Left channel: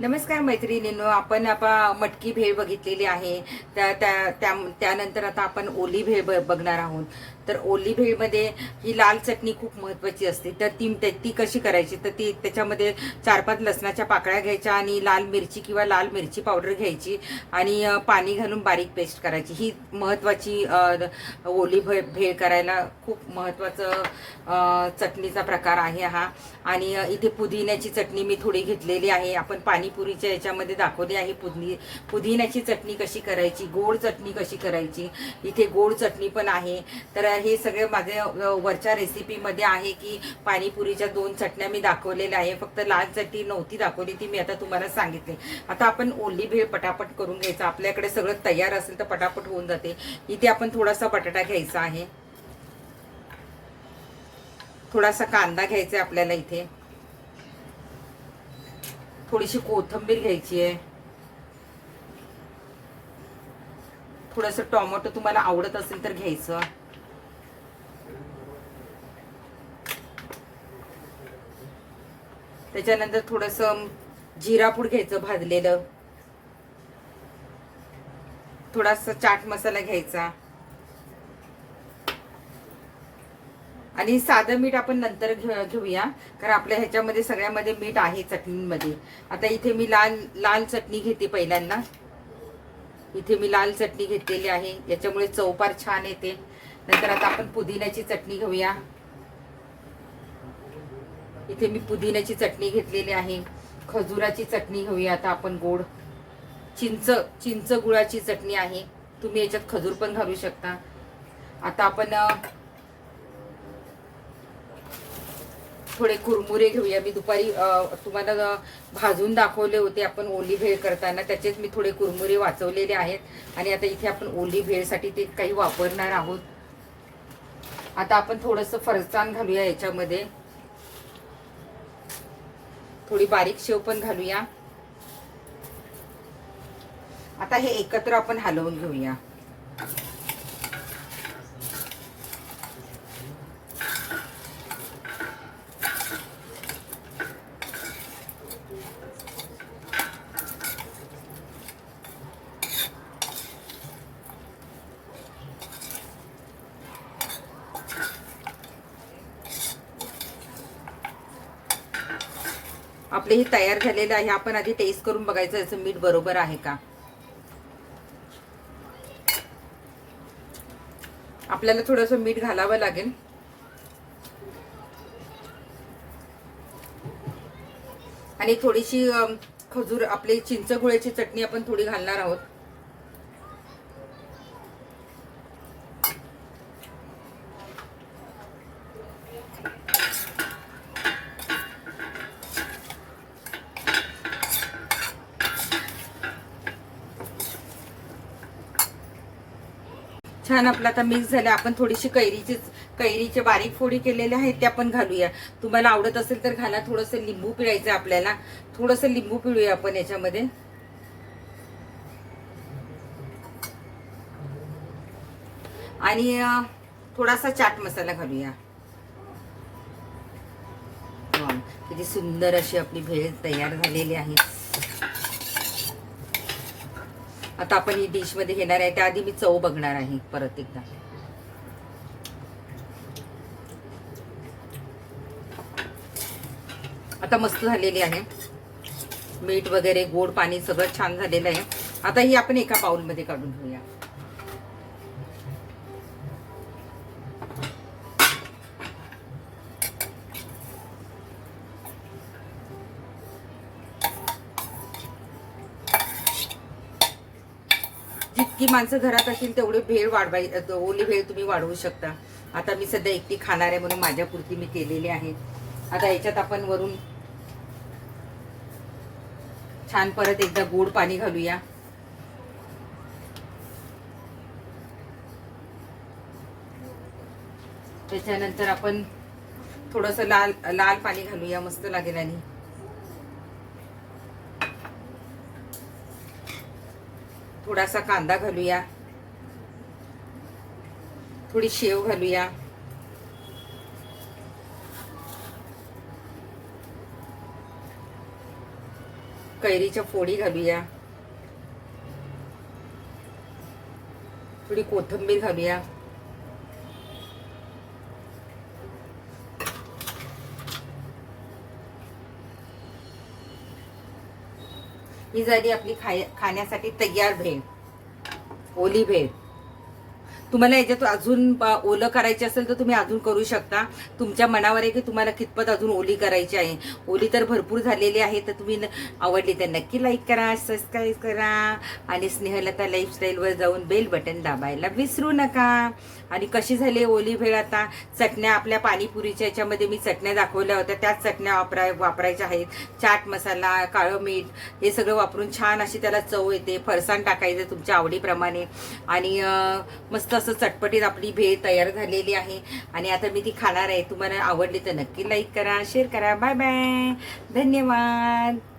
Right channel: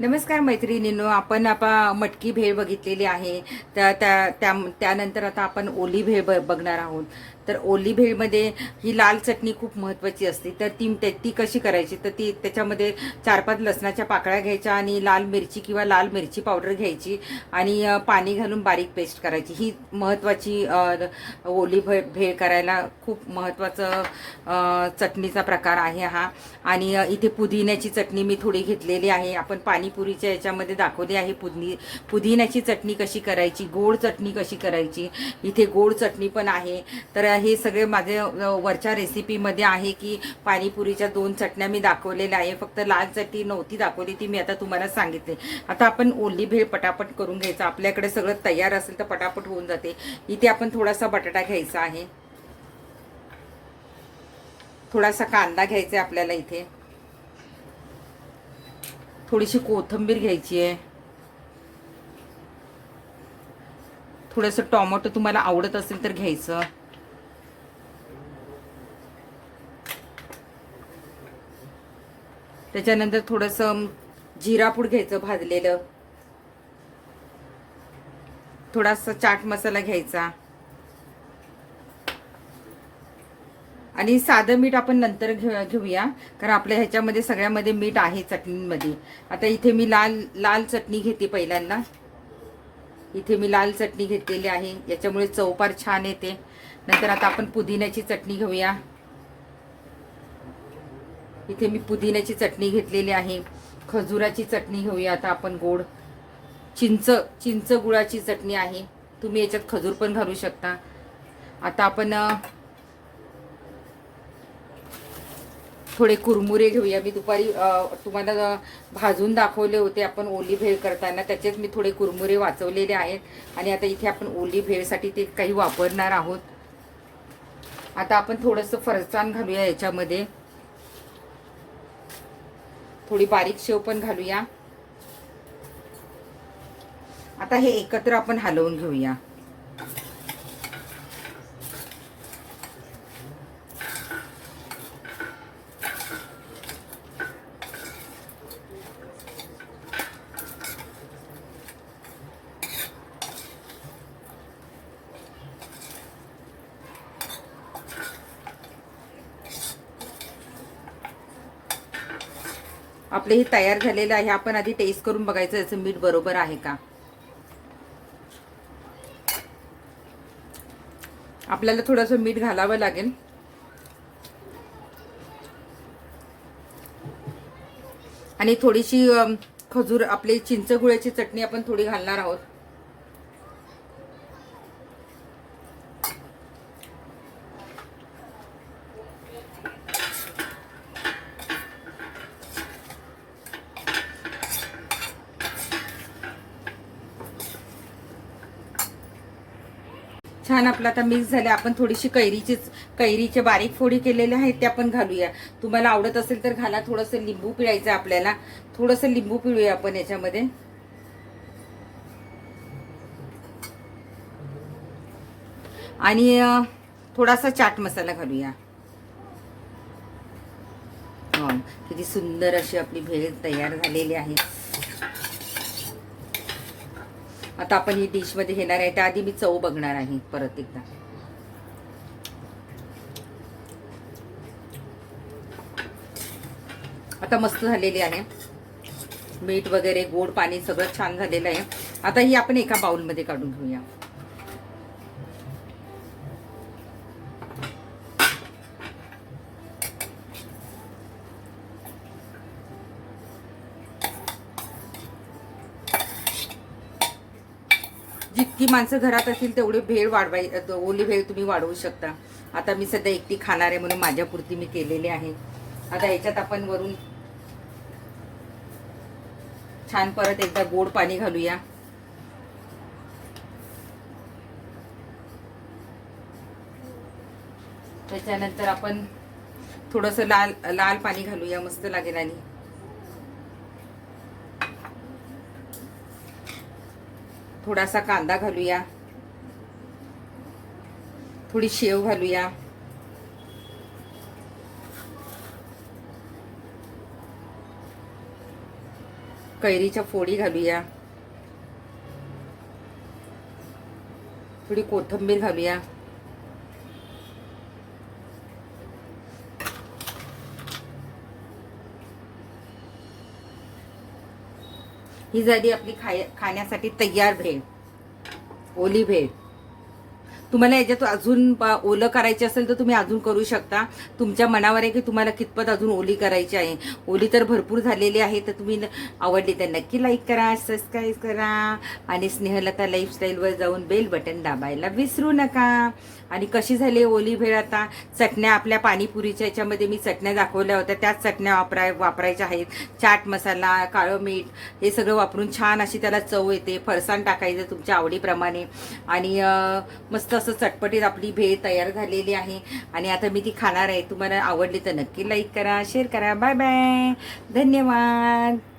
नमस्कार मैत्रिणींनो आपण आता मटकी भेळ बघितलेली आहे. त्या त्या त्या- त्यानंतर आता आपण ओली भेळ ब- बघणार आहोत. तर ओली भेळमध्ये ही लाल चटणी खूप महत्वाची असते. तर ती ते- ती कशी करायची? तर ती त्याच्यामध्ये चार पाच लसणाच्या पाकळ्या घ्यायच्या आणि लाल मिरची किंवा लाल मिरची पावडर घ्यायची आणि पाणी घालून बारीक पेस्ट करायची. ही महत्वाची ओली भेळ भेळ करायला खूप महत्वाचं चटणीचा प्रकार आहे हा. आणि इथे पुदिन्याची चटणी मी थोडी घेतलेली आहे. आपण पाणीपुरीच्या याच्यामध्ये दाखवली आहे पुदिनी पुदिन्याची चटणी कशी करायची गोड चटणी कशी करायची? इथे गोड चटणी पण आहे. तर हे सगळे माझे वरच्या रेसिपीमध्ये आहे की पाणीपुरीच्या दोन चटण्या मी दाखवलेल्या आहे. फक्त लाल चटणी नव्हती दाखवली ती मी आता तुम्हाला सांगितले. आता आपण ओली भेळ पटापट करून घ्यायचं. आपल्याकडे सगळं तयार असेल तर पटापट होऊन जाते. इथे आपण थोडासा बटाटा घ्यायचा आहे. थोडासा कांदा घ्यायचा आहे आपल्याला इथे. थोडीशी कोथिंबीर घ्यायची आहे. थोडंसं टोमॅटो तुम्हाला आवडत असेल तर घ्यायचं. त्याच्यानंतर थोडंसं जिरापूड घ्यायचं भाजलेलं. थोडासा चाट मसाला घ्यायचा. आणि साधं मीठ आपण नंतर घेऊया. कारण आपल्या ह्याच्यामध्ये सगळ्यामध्ये मीठ आहे चटणीमध्ये. आता इथे मी लाल लाल चटणी घेते पहिल्यांदा. इथे मी लाल चटणी घेतलेली आहे. याच्यामुळे चवपार छान येते. नंतर आता आपण पुदिन्याची चटणी घेऊया. इथे मी पुदिन्याची चटणी घेतलेली आहे. खजुराची चटणी घेऊया. आता आपण गोड चिंच चिंच गुळाची चटणी आहे. तुम्ही याच्यात खजूर पण घालू शकता. आता आपण थोडे कुरमुरे घेऊया. मी दुपारी तुम्हाला भाजून दाखवले होते आपण ओली भेळ करताना. त्याचेच मी थोडे कुरमुरे वाचवलेले आहेत. आणि आता इथे आपण ओली भेळसाठी ते काही वापरणार आहोत. आता आपण थोडंसं फरसाण घालूया याच्यामध्ये. थोडी बारीक शेव पण घालूया. आता हे एकत्र आपण हलवून घेऊया. आपले हे तयार झालेलं आहे. आपण आधी टेस्ट करून बघायचं याचं मीठ बरोबर आहे का? आपल्याला थोडंसं मीठ घालावं लागेल. आणि थोडीशी खजूर आपली चिंचगुळ्याची चटणी आपण थोडी घालणार आहोत छान आपलं आता मिक्स झालं आपण थोडीशी कैरीचीच कैरीचे बारीक फोडी केलेले आहेत त्या पण घालूया. तुम्हाला आवडत असेल तर घाला थोडंसं लिंबू पिळायचं आपल्याला. थोडंसं लिंबू पिळूया आपण याच्यामध्ये. आणि थोडासा चाट मसाला घालूया. किती सुंदर अशी आपली भेळ तयार झालेली आहे. आता आपण ही डिशमध्ये घेणार आहे. त्याआधी मी चव बघणार आहे परत एकदा. आता मस्त झालेली आहे. मीठ वगैरे गोड पाणी सगळं छान झालेलं आहे. आता ही आपण एका बाउलमध्ये काढून घेऊया. जितकी माणसं घरात असतील तेवढी भेळ वाढवाय ओली भेळ तुम्ही वाढवू शकता. आता मी सध्या एकटी खाणार आहे म्हणून माझ्यापुरती मी केलेली आहे. आता याच्यात आपण वरून छान परत एकदा गोड पाणी घालूया. त्याच्यानंतर आपण थोडस लाल लाल पाणी घालूया मस्त लागेल आणि. थोडासा कांदा घालूया. थोडी शेव घालूया. कैरीच्या फोडी घालूया. थोडी कोथिंबीर घालूया. ही झाली आपली खाय खाण्यासाठी तयार भेळ. ओली भेळ. तुम्हाला याच्यात अजून प- ओलं करायची असेल तर तुम्ही अजून करू शकता. तुमच्या मनावर आहे की तुम्हाला कितपत अजून ओली करायची आहे. ओली तर भरपूर झालेली आहे तर तुम्ही न- आवडली तर नक्की लाईक करा सबस्क्राईब करा आणि स्नेहलता लाईफस्टाईलवर जाऊन बेल बटन दाबायला विसरू नका. आणि कशी झाली ओली भेळ आता? चटण्या आपल्या पाणीपुरीच्या याच्यामध्ये मी चटण्या दाखवल्या होत्या. त्याच चटण्या वापराय वापरायच्या आहेत. चाट मसाला काळं मीठ हे सगळं वापरून छान अशी त्याला चव येते. फरसाण टाकायचं तुमच्या आवडीप्रमाणे. आणि मस्त असं चटपटीत आपली भेळ तयार झालेली आहे. आणि आता मी ती खाणार आहे. तुम्हाला आवडली तर नक्की लाईक करा शेअर करा. बाय बाय धन्यवाद.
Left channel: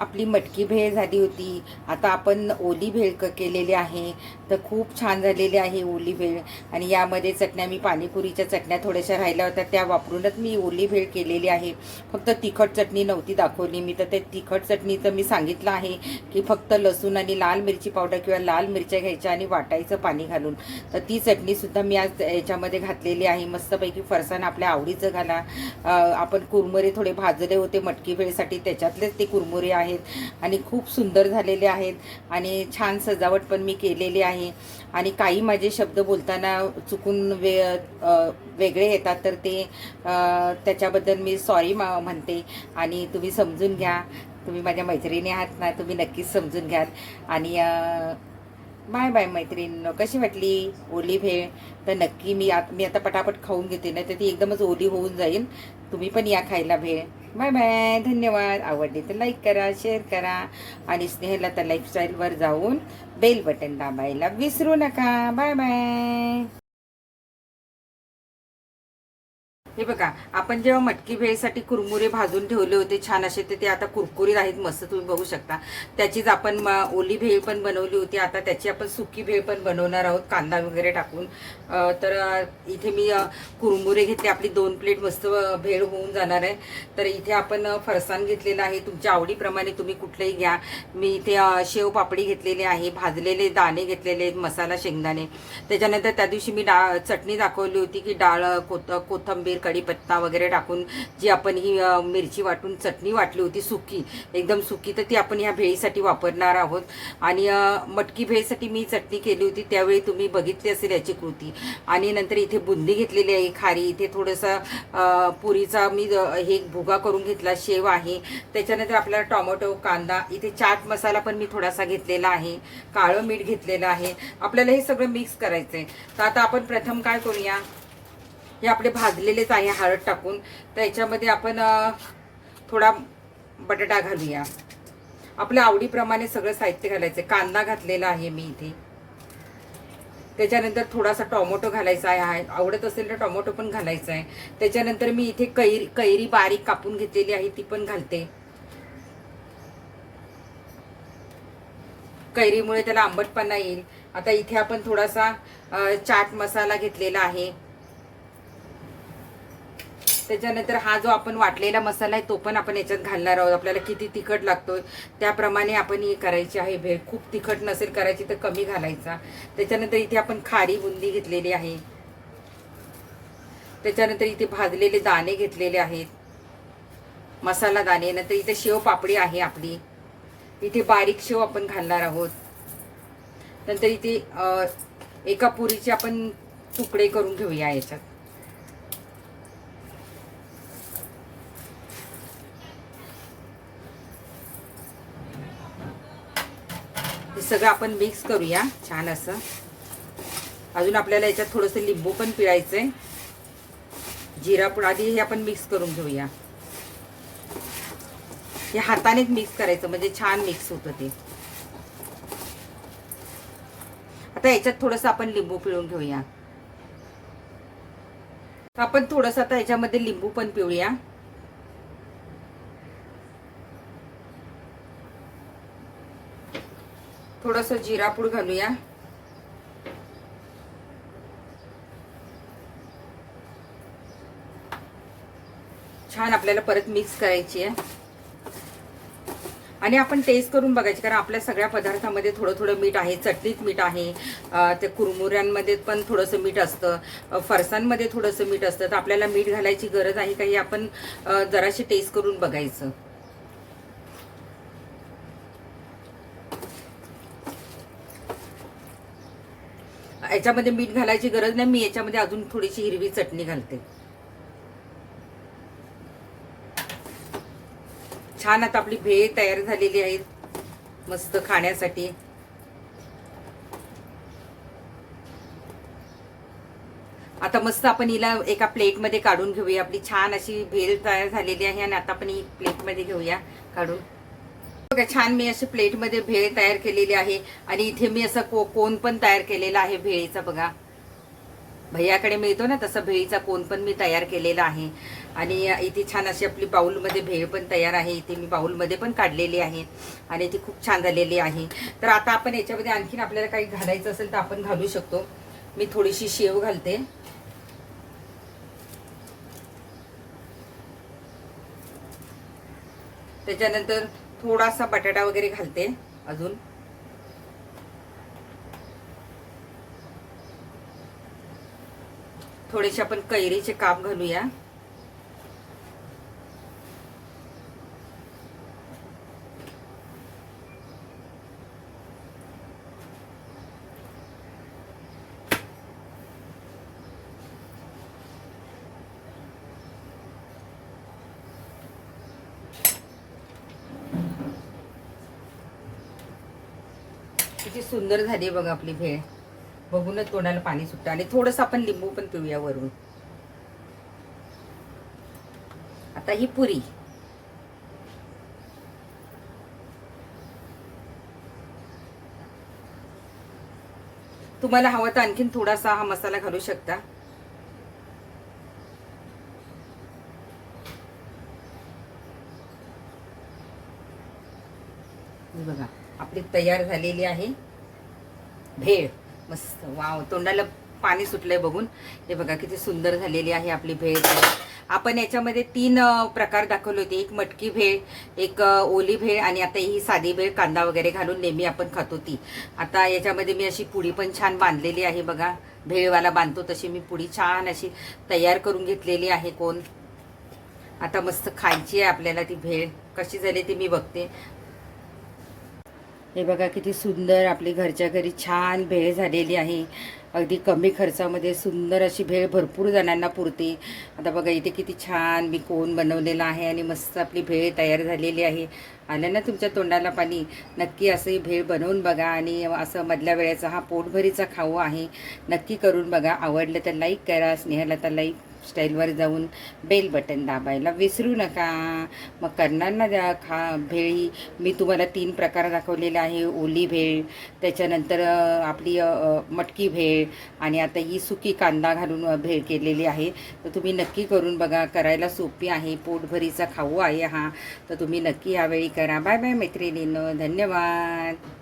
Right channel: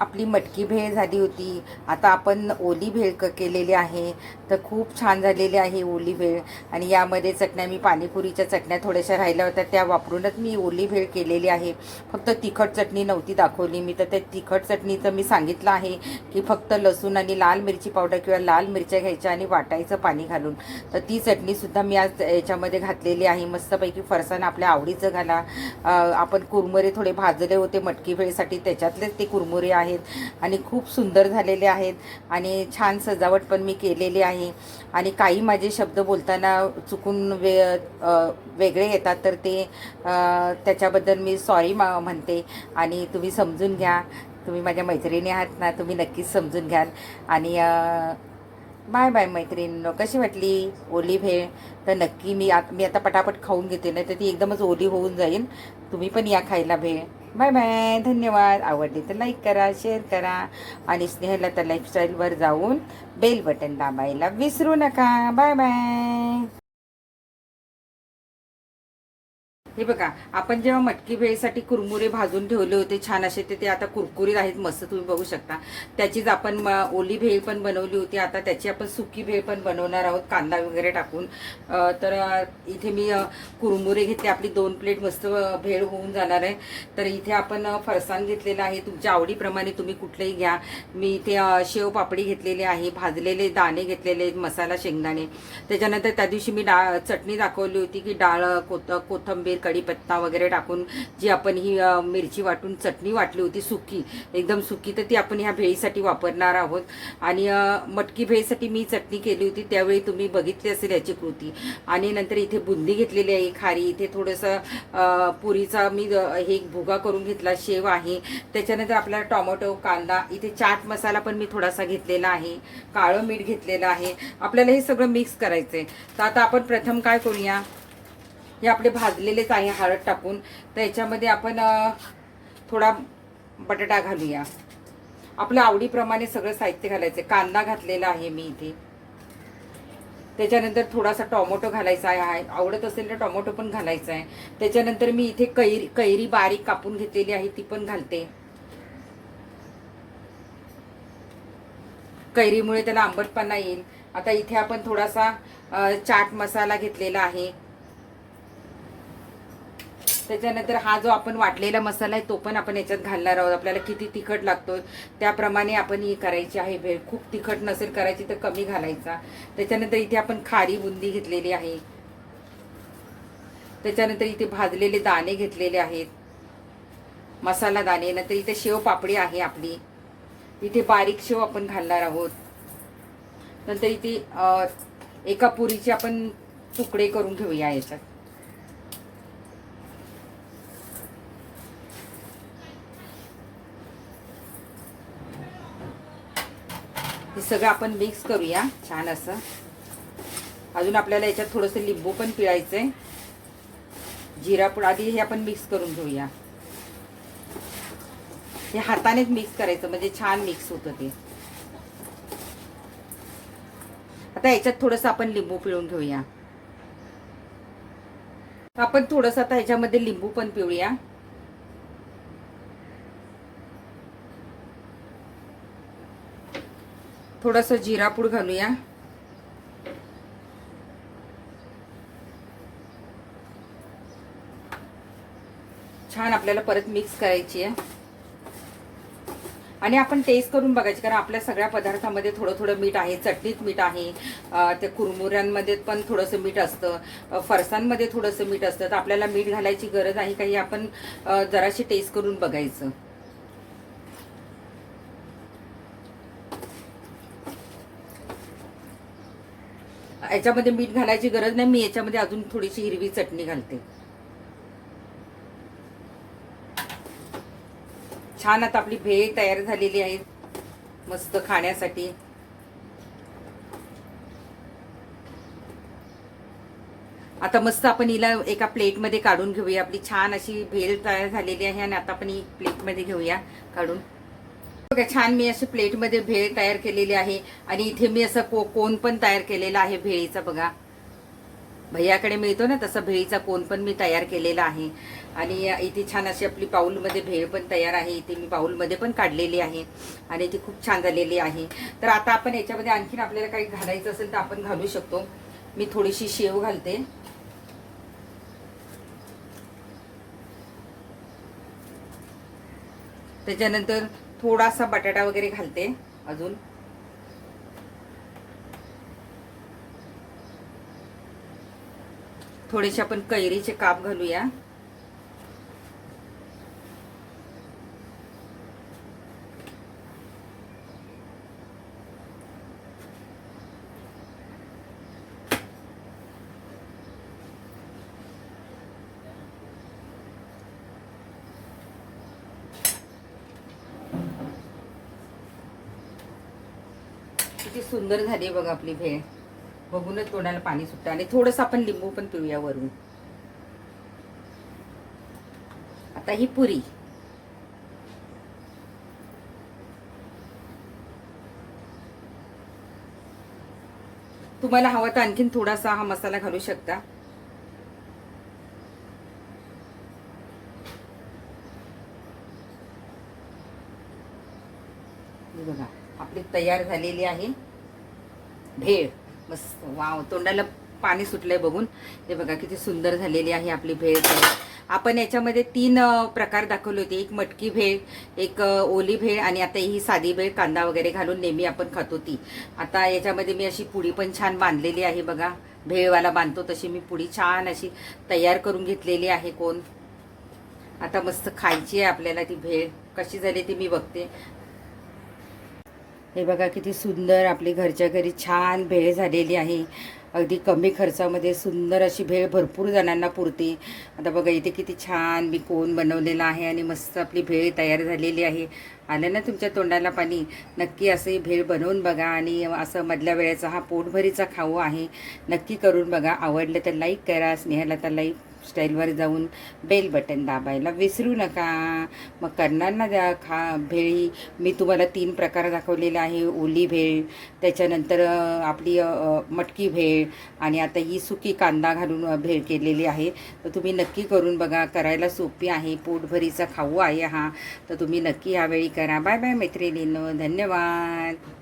आपली मटकी भेळ झाली होती. आता आपण ओली भेळ क केलेली आहे. तर खूप छान झालेली आहे ओली भेळ. आणि यामध्ये चटण्या मी पाणीपुरीच्या चटण्या थोड्याशा राहिल्या होत्या. त्या वापरूनच मी ओली भेळ केलेली आहे. फक्त तिखट चटणी नव्हती दाखवली मी. तर ते तिखट चटणीचं मी सांगितलं आहे की फक्त लसूण आणि लाल मिरची पावडर किंवा लाल मिरच्या घ्यायच्या आणि वाटायचं पाणी घालून. तर ती चटणीसुद्धा मी आज याच्यामध्ये घातलेली आहे. मस्तपैकी फरसाण आपल्या आवडीचं घाला. आपण कुरमुरे थोडे भाजले होते मटकी भेळसाठी. त्याच्यातलेच ते कुरमुरे आहे आहेत आणि खूप सुंदर झालेले आहेत आणि छान सजावट पण मी केलेली आहे. आणि काही माझे शब्द बोलताना चुकून वे वेगळे येतात तर ते त्याच्याबद्दल मी सॉरी म्हणते. आणि तुम्ही समजून घ्या. तुम्ही माझ्या मैत्रिणी आहात ना तुम्ही नक्कीच समजून घ्याल. आणि बाय बाय मैत्रीण कशी वाटली ओली भेळ? तर नक्की मी आत मी आता पटापट खाऊन घेते नाही तर ती एकदमच ओली होऊन जाईल. तुम्ही पण या खायला भेळ. Bye bye. धन्यवाद. आवडली तर लाईक करा शेअर करा आणि स्नेहलता लाईफस्टाईलवर जाऊन बेल बटन दाबायला विसरू नका. Bye bye. हे बघा आपण जेव्हा मटकी भेळीसाठी कुरमुरे भाजून ठेवले होते छान असे ते ते आता कुरकुरीत आहेत मस्त तुम्ही बघू शकता. त्याचीच आपण म, ओली भेळ पण बनवली होती. आता त्याची आपण सुकी भेळ पण बनवणार आहोत कांदा वगैरे टाकून. तर इथे मी कुरमुरे घेतले. आपली दोन प्लेट मस्त भेळ होऊन जाणार आहे. तर इथे आपण फरसाण घेतलेला आहे. तुमच्या आवडीप्रमाणे तुम्ही कुठलंही घ्या. मी इथे शेव पापडी घेतलेली आहे भाजलेले दाणे घेतलेले मसाला शेंगदाणे. त्याच्यानंतर त्या दिवशी मी डा चटणी दाखवली होती की डाळ कोथ कोथंबीर कढीपत्ता वगैरे टाकून जी आपण ही मिरची वाटून चटणी वाटली होती सुकी एकदम सुकी तर ती आपण ह्या भेळीसाठी वापरणार आहोत. आणि मटकी भेळीसाठी मी चटणी केली होती त्यावेळी तुम्ही बघितली असेल याची कृती. आणि नंतर इथे बुंदी घेतलेली आहे खारी इथे थोडंसं पुरीचा मी अ, हे भुगा करून घेतला शेव आहे. त्याच्यानंतर आपल्याला टोमॅटो कांदा इथे चाट मसाला पण मी थोडासा घेतलेला आहे काळं मीठ घेतलेलं आहे. आपल्याला हे सगळं मिक्स करायचं आहे तर आता आपण प्रथम काय करूया? हे आपले भाजलेलेच आहे हळद टाकून त्याच्यामध्ये आपण थोडा बटाटा घालूया. आपल्या आवडीप्रमाणे सगळं साहित्य घालायचं कांदा घातलेला आहे मी इथे. त्याच्यानंतर थोडासा टोमॅटो घालायचा आहे. आवडत असेल तर टोमॅटो पण घालायचा आहे. त्याच्यानंतर मी इथे कैरी कैरी बारीक कापून घेतलेली आहे ती पण घालते. कैरीमुळे त्याला आंबटपणा येईल. आता इथे आपण थोडासा चाट मसाला घेतलेला आहे. त्याच्यानंतर हा जो आपण वाटलेला मसाला आहे तो पण आपण याच्यात घालणार आहोत. आपल्याला किती तिखट लागतो त्याप्रमाणे आपण ही करायची आहे भेळ. खूप तिखट नसेल करायची तर कमी घालायचा. त्याच्यानंतर इथे आपण खारी बुंदी घेतलेली आहे. त्याच्यानंतर इथे भाजलेले दाणे घेतलेले आहेत. मसाला दाणे. नंतर इथे शेव पापडी आहे आपली. इथे बारीक शेव आपण घालणार आहोत. नंतर इथे एका पुरीचे आपण तुकडे करून घेऊया याच्यात. सगळं आपण मिक्स करूया छान असं. अजून आपल्याला याच्यात थोडंसं लिंबू पण पिळायचंय. जिरा पूड आधी हे आपण मिक्स करून घेऊया. हे हातानेच मिक्स करायचं म्हणजे छान मिक्स होतं ते. आता याच्यात थोडंसं आपण लिंबू पिळून घेऊया. आपण थोडंसं आता ह्याच्यामध्ये लिंबू पण पिळूया. थोडंसं जिरापूड घालूया. छान आपल्याला परत मिक्स करायची आहे आणि आपण टेस्ट करून बघायची कारण आपल्या सगळ्या पदार्थामध्ये थोडं थोडं मीठ आहे चटणीत मीठ आहे त्या ते कुरमुऱ्यांमध्ये पण थोडंसं मीठ असतं फरसांमध्ये थोडंसं मीठ असतं तर आपल्याला मीठ घालायची गरज आहे काही आपण जराशी टेस्ट करून बघायचं. याच्यामध्ये मीठ घालायची गरज नाही मी याच्यामध्ये अजून थोडीशी हिरवी चटणी घालते. छान आता आपली भेळ तयार झालेली आहे मस्त खाण्यासाठी. आता मस्त आपण हिला एका प्लेटमध्ये काढून घेऊया आपली छान अशी भेळ तयार झालेली आहे आणि आता आपण ही प्लेटमध्ये घेऊया काढून. बघा छान मी अशी प्लेटमध्ये भेळ तयार केलेली आहे आणि इथे मी असं को कोण पण तयार केलेला आहे भेळीचा बघा. भैयाकडे मिळतो ना तसं भेळीचा कोण पण मी तयार केलेला आहे. आणि इथे छान अशी आपली बाऊलमध्ये भेळ पण तयार आहे. इथे मी बाऊलमध्ये पण काढलेली आहे आणि ती खूप छान झालेली आहे. तर आता आपण याच्यामध्ये आणखीन आपल्याला काही घालायचं असेल तर आपण घालू शकतो. मी थोडीशी शेव घालते. त्याच्यानंतर थोडासा बटाटा वगैरे घालते अजून. थोडेसे आपण कैरीचे काप घालूया. किती सुंदर झाली आहे बघा आपली भेळ. बघूनच तोंडाला पाणी सुटतं. आणि थोडंसं आपण लिंबू पण पिऊया वरून. आता ही पुरी. तुम्हाला हवा तर आणखीन थोडासा हा मसाला घालू शकता हे बघा आपली तयार झालेली आहे. भेळ. मस्त. वाव. तोंडाला पाणी सुटलंय बघून. हे बघा किती सुंदर झालेली आहे आपली भेळ आपण याच्यामध्ये तीन प्रकार दाखवले होते. एक मटकी भेळ एक ओली भेळ आणि आता ही साधी भेळ कांदा वगैरे घालून नेहमी आपण खातो ती. आता याच्यामध्ये मी अशी पुडी पण छान बांधलेली आहे बघा. भेळवाला बांधतो तशी मी पुडी छान अशी तयार करून घेतलेली आहे कोण. आता मस्त खायची आहे आपल्याला ती भेळ. कशी झाली ती मी बघते. हे बघा किती सुंदर आपली घरच्या घरी छान भेळ झालेली आहे. अगदी कमी खर्चामध्ये सुंदर अशी भेळ भरपूर जणांना पुरते. आता बघा इथे किती छान मी कोण बनवलेला आहे आणि मस्त आपली भेळ तयार झालेली आहे. आलं ना तुमच्या तोंडाला पाणी? नक्की असं ही भेळ बनवून बघा आणि असं मधल्या वेळेचा हा पोटभरीचा खाऊ आहे. नक्की करून बघा. आवडलं तर लाईक करा. स्नेहाला तर लाईक स्टाईलवर जाऊन बेल बटन दाबायला विसरू नका. मग करणार ना द्या खा भेळी. मी तुम्हाला तीन प्रकार दाखवलेले आहे. ओली भेळ त्याच्यानंतर आपली मटकी भेळ आणि आता ही सुकी कांदा घालून भेळ केलेली आहे. तर तुम्ही नक्की करून बघा. करायला सोपी आहे. पोटभरीचा खाऊ आहे हा. तर तुम्ही नक्की यावेळी करा. बाय बाय मैत्रिणींनो. धन्यवाद.